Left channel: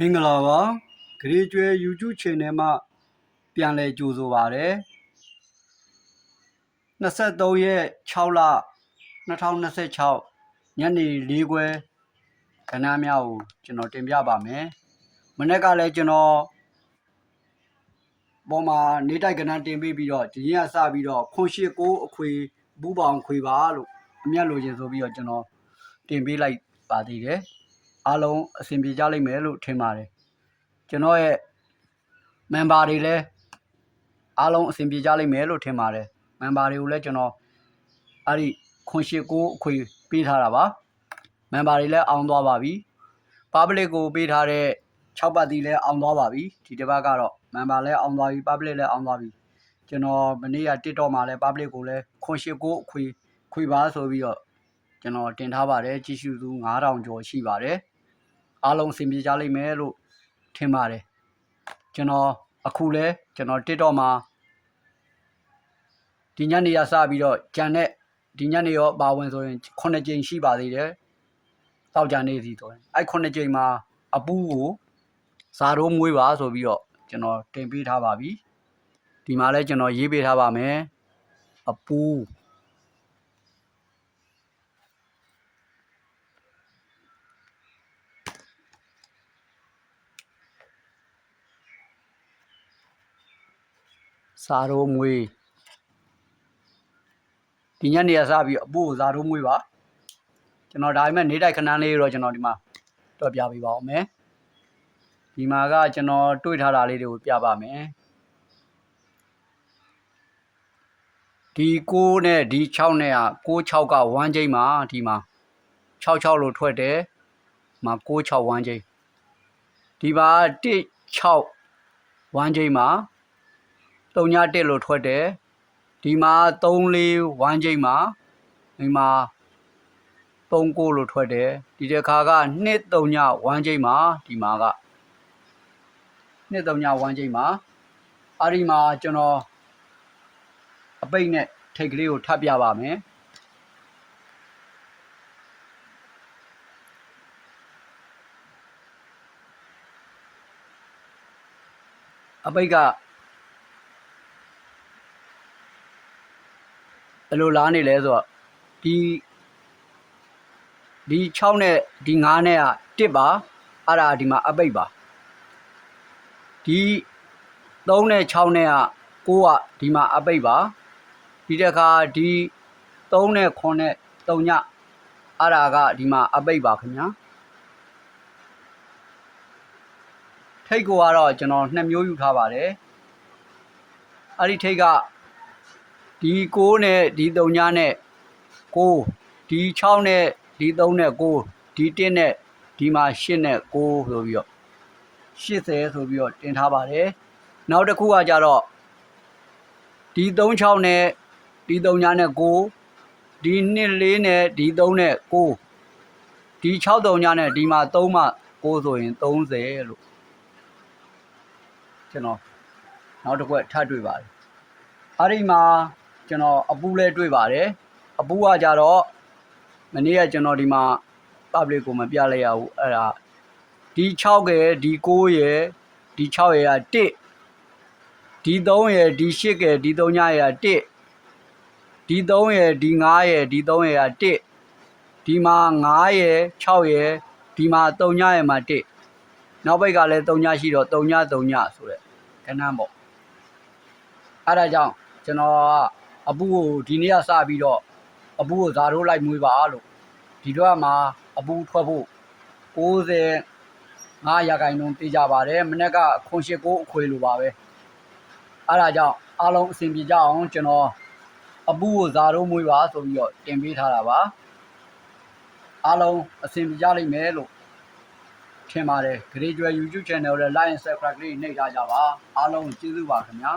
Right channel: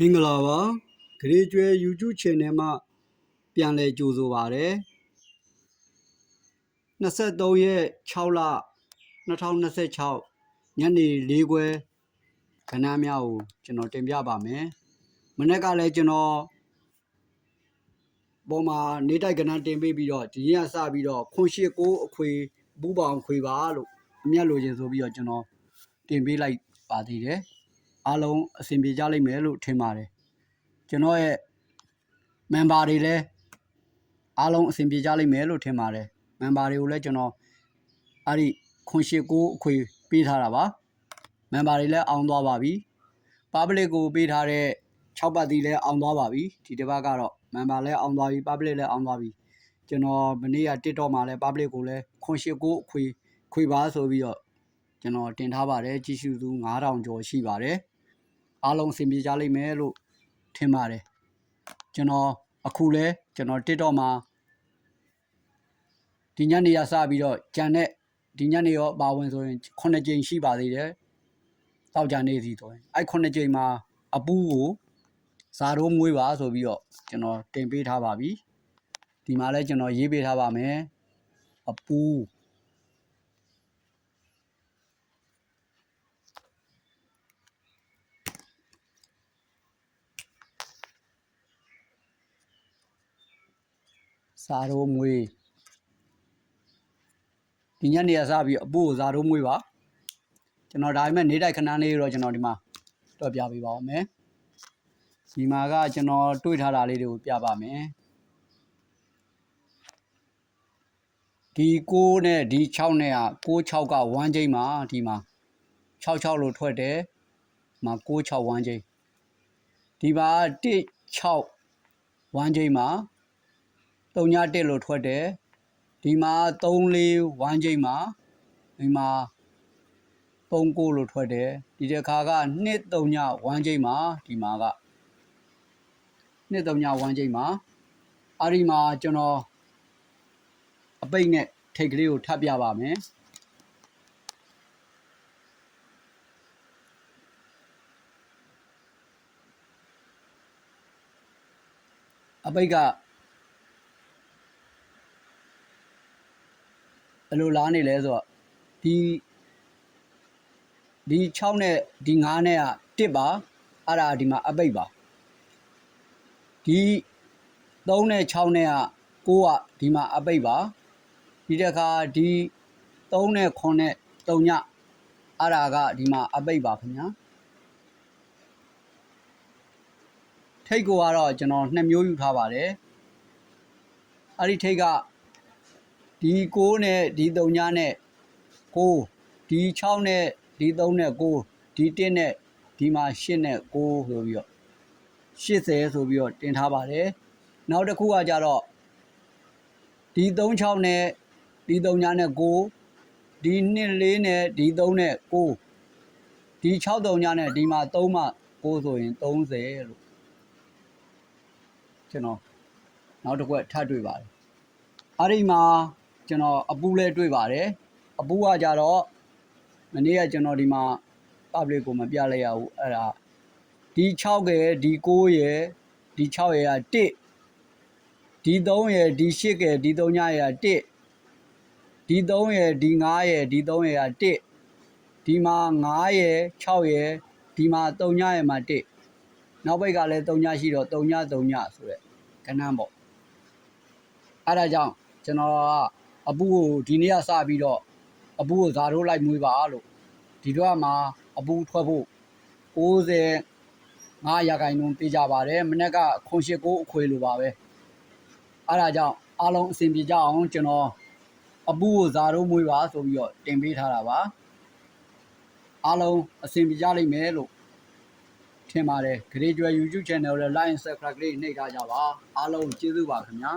မင်္ဂလာပါဂရေကျွဲ YouTube Channel မှာပြန်လည်ကြိုဆိုပါရစေ23ရက်6လ2026ညနေ4ခွဲခဏများကိုကျွန်တော်တင်ပြပါမယ်မနေ့ကလည်းကျွန်တော်ပေါ်မှာနေတိုက်ကဏ္ဍတင်ပေးပြီးတော့ဒီနေ့ကစပြီးတော့ခွန်ရှိကိုအခွေဘူးပေါင်ခွေပါလို့အမျက်လိုချင်ဆိုပြီးတော့ကျွန်တော်တင်ပေးလိုက်ပါသေးတယ်အားလုံးအဆင်ပြေကြလိမ့်မယ်လို့ထင်ပါတယ်ကျွန်တော်ရဲ့ member တွေလည်းအားလုံးအဆင်ပြေကြလိမ့်မယ်လို့ထင်ပါတယ် member တွေကိုလည်းကျွန်တော်အဲ့ဒီခွန်ရှိကိုအခွေပေးထားတာပါ member တွေလည်းအောင်သွားပါပြီ public ကိုပေးထားတဲ့6ပတ်တီလည်းအောင်သွားပါပြီဒီတစ်ပတ်ကတော့ member လည်းအောင်သွားပြီ public လည်းအောင်သွားပြီကျွန်တော်မနေ့က TikTok မှာလည်း public ကိုလည်းခွန်ရှိကိုအခွေပါဆိုပြီးတော့ကျွန်တော်တင်ထားပါတယ်ကြည့်ရှုသူ9000ကျော်ရှိပါတယ်အားလုံးအဆင်ပြေကြလိမ့်မယ်လို့ထင်ပါတယ်ကျွန်တော်အခုလဲကျွန်တော် TikTok မှာဒီညနေရစပြီးတော့ဂျန်နဲ့ဒီညနေရောပါဝင်ဆိုရင်9ကြိမ်ရှိပါသေးတယ်တောက်ကြနေစီဆိုရင်အဲ့9ကြိမ်မှာအပူးကိုဇာတို့မွေးပါဆိုပြီးတော့ကျွန်တော်တင်ပေးထားပါပြီဒီမှာလဲကျွန်တော်ရေးပေးထားပါမယ်အပူးဇာတို့မွေးဒီညနေရစပြီးအပူးကိုဇာတို့မွေးပါကျွန်တော်ဒါပေမဲ့နေတိုက်ခဏလေးတော့ကျွန်တော်ဒီမှာတော့ပြပေးပါဦးမယ်ဒီမှာကကျွန်တော်တွေ့ထားတာလေးတွေကိုပြပါမယ်ဒီ9နဲ့ဒီ6နဲ့က96က1ချိန်မှာဒီမှာ66လို့ထွက်တယ်မှာ96 1ချိန်ဒီမှာ16 1ချိန်မှာ31လို့ထွက်တယ်ဒီမှာ34 1ချိန်မှာဒီမှာ39လို့ထွက်တယ်ဒီတစ်ခါက23 1ချိန်မှာဒီမှာက23 1ချိန်မှာအဲ့ဒီမှာကျွန်တော်အပိတ်နဲ့ထိတ်ကလေးကိုထပ်ပြပါမယ်အပိတ်ကဘယ်လိုလားနေလဲဆိုတော့ဒီ6နဲ့ဒီ9နဲ့က1ပါအဲ့ဒါဒီမှာအပိတ်ပါဒီ3နဲ့6နဲ့က9ကဒီမှာအပိတ်ပါဒီတစ်ခါဒီ3နဲ့9နဲ့3ညအဲ့ဒါကဒီမှာအပိတ်ပါခင်ဗျာထိတ်ကိုကတော့ကျွန်တော်2မျိုးယူထားပါတယ်အဲ့ဒီထိတ်ကဒီ9နဲ့ဒီ3ညနဲ့9ဒီ6နဲ့ဒီ3နဲ့9ဒီ1နဲ့ဒီမှာ8နဲ့9ဆိုပြီးတော့80ဆိုပြီးတော့တင်ထားပါတယ်နောက်တစ်ခုကကြတော့ဒီ36နဲ့ဒီ3ညနဲ့9ဒီ24နဲ့ဒီ3နဲ့9ဒီ63ညနဲ့ဒီမှာ3မှ9ဆိုရင်30လို့ကျွန်တော်နောက်တစ်ခုထပ်တွေ့ပါတယ်အဲ့ဒီမှာကျွန်တော်အပူလဲတွေ့ပါတယ်အပူကကြတော့မနေ့ကကျွန်တော်ဒီမှာ public ကိုမပြလိုက်ရဘူးအဲ့ဒါဒီ6ရယ်ဒီ9ရယ်ဒီ6ရယ်က1ဒီ3ရယ်ဒီ8ရယ်ဒီ3ညရယ်က1ဒီ3ရယ်ဒီ9ရယ်ဒီ3ရယ်က1ဒီမှာ9ရယ်6ရယ်ဒီမှာ3ညရယ်မှာ1နောက်ဘက်ကလည်း3ညရှိတော့3ည3ညဆိုတဲ့ခဏပေါ့အဲ့ဒါကြောင့်ကျွန်တော်ကအပူကိုဒီနေ့ကစပြီးတော့အပူကိုဇာထိုးလိုက်မွေးပါလို့ဒီတော့မှာအပူထွက်ဖို့95%သိကြပါတယ်မနေ့ကခွန်ရှိကိုအခွေလိုပါပဲအဲ့ဒါကြောင့်အားလုံးအဆင်ပြေကြအောင်ကျွန်တော်အပူကိုဇာထိုးမွေးပါဆိုပြီးတော့တင်ပေးထားတာပါအားလုံးအဆင်ပြေကြလိမ့်မယ်လို့ထင်ပါတယ်ဂရေကျွဲ YouTube Channel ကိုလည်း Like and Subscribe လေးနှိပ်ထားကြပါအားလုံးကျေးဇူးပါခင်ဗျာ